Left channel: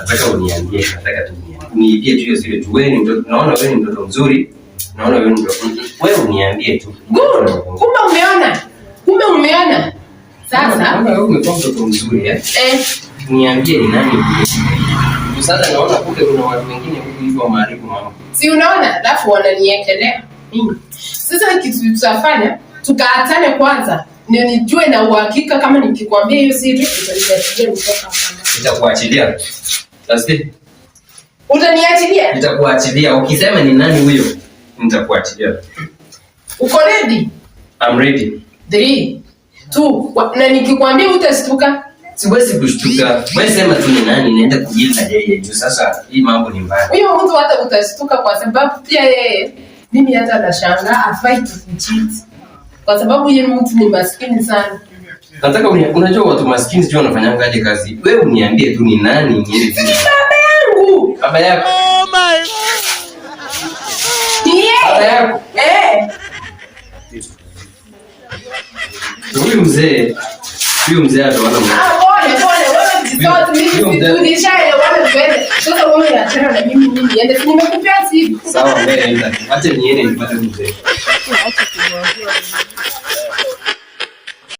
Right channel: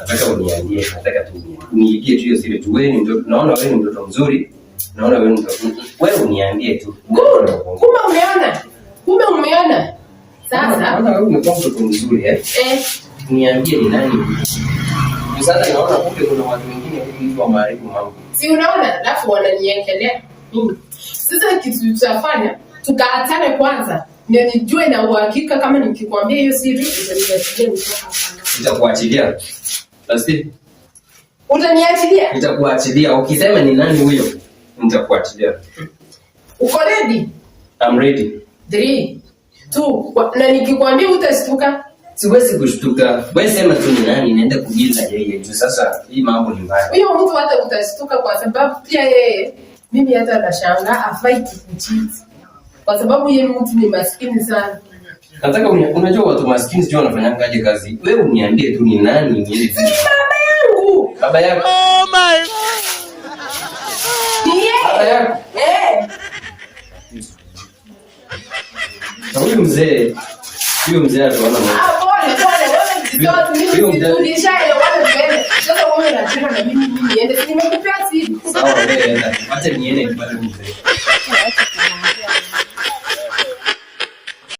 Nataka uniambie, nataka tu uniibie tu hiyo siri tu. Wewe ni mtoto, naona wewe ni mtoto mzuri. Naona wewe ni mtoto. Wewe uniambie tu. Good. Kumbe umeona. Sasa kama wewe umekuwa mtoto mzuri niambie ni nani? Sasa naona kumbe kuna watu wengine huko hivyo maharibu mambo. Si unaona? Alafu wananiekelea. Sasa kitu tutafanya, tukaatane kwanza. Ndio nijue na uhakika kama nikikwambia hiyo siri utaniachilia kutoka hapa. Nitakuachilia. Sasa utaniachilia? Nitakuachilia. Ukisema ni nani huyo, nitakuachilia. Uko ready? I'm ready. 3 2 na nikikwambia utashtuka? Siwezi kushtuka. Wewe sema tu ni nani, naenda kujila yeye. Juu sasa hii mambo ni mbaya. Huyo mtu hata utashtuka kwa sababu pia yeye mimi hata nashangaa afai kucheat. Kwa sababu yeye mtu ni maskini sana. Nataka unajua watu maskini sio wanafanyanga aje kazi. Wewe uniambie tu ni nani niende. Baba yangu. Baba yako. Oh my God. Baba yako. Huyu mzee ataona pole. Wewe tulishaelewana twende. Sasa wewe unataka na mimi niende. Nimekupea simu. Sawa, wewe enda. Acha niende nipate mzee.